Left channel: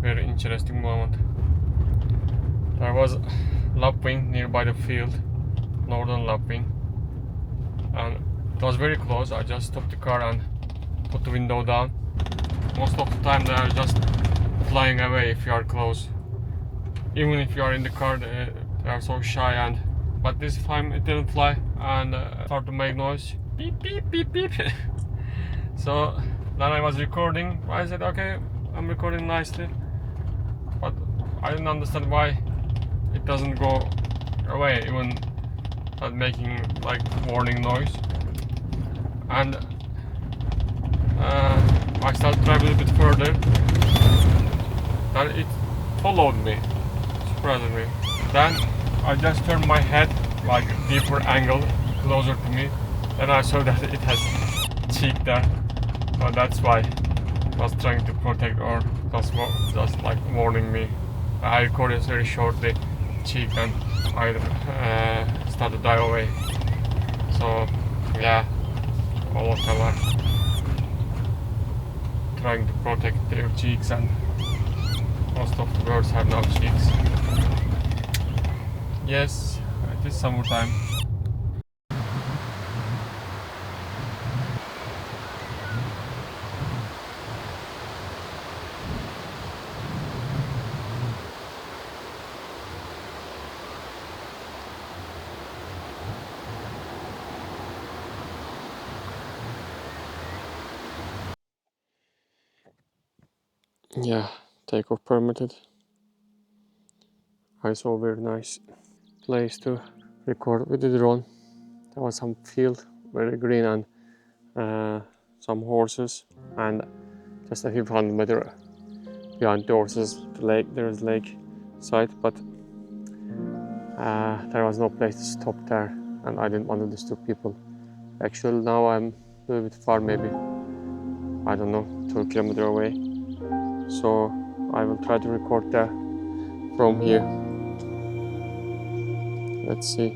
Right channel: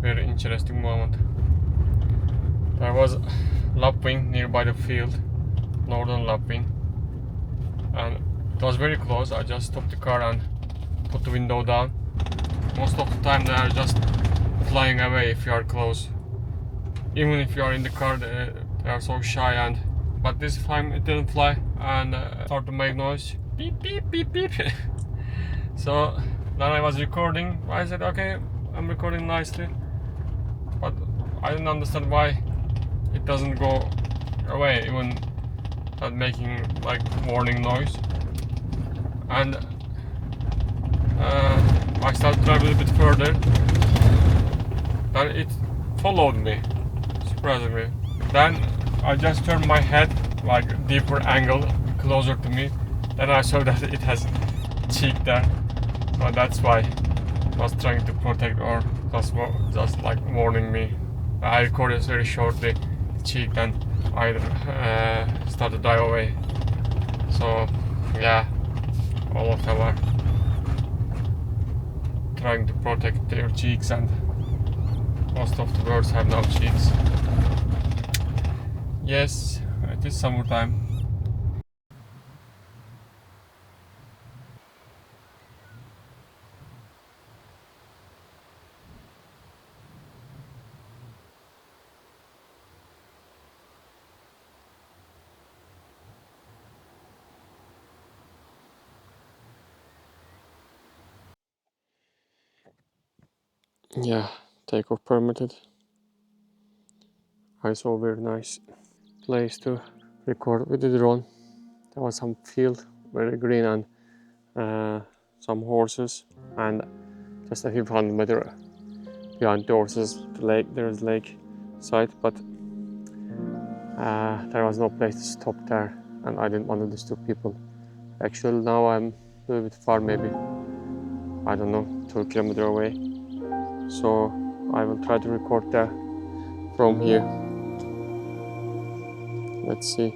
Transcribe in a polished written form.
Very interesting moment. There was lapwing nearby the field, northern lapwing, and it was very close. I just stopped the car and put the window down. Most of the time they are just flying away if you are close. Even if you are in the car, they are so shy. But this time it didn't fly and started to make noise. Beep beep beep beep. So then I was recording. I said, okay, I'm recording nicely. But I didn't understand why it doesn't go away, even not making like warning noise. And I started driving a bit further, and it followed me, surprisingly. Then I just turned my head like deeper angle, closer to me. Then I saw that it has cheek there, so that's why I was trying to protect or just like warning me. I recorded very shortly cheek and I started to dive away. So yeah, all of them are trying to protect their cheeks, and most of the birds have no cheeks. Yes, it is summertime. Yeah, takeoff permitted. I saw a very nice place to record with the drone. There was some field, very green, and some horses, and just a few hundred meters behind the horses, the lake. There is lake side, but there was no place to stop there, and I didn't want to disturb people. Actually, now I'm a little bit far, maybe I don't know, 2 kilometers away. So I will try to record there from here. Let's see.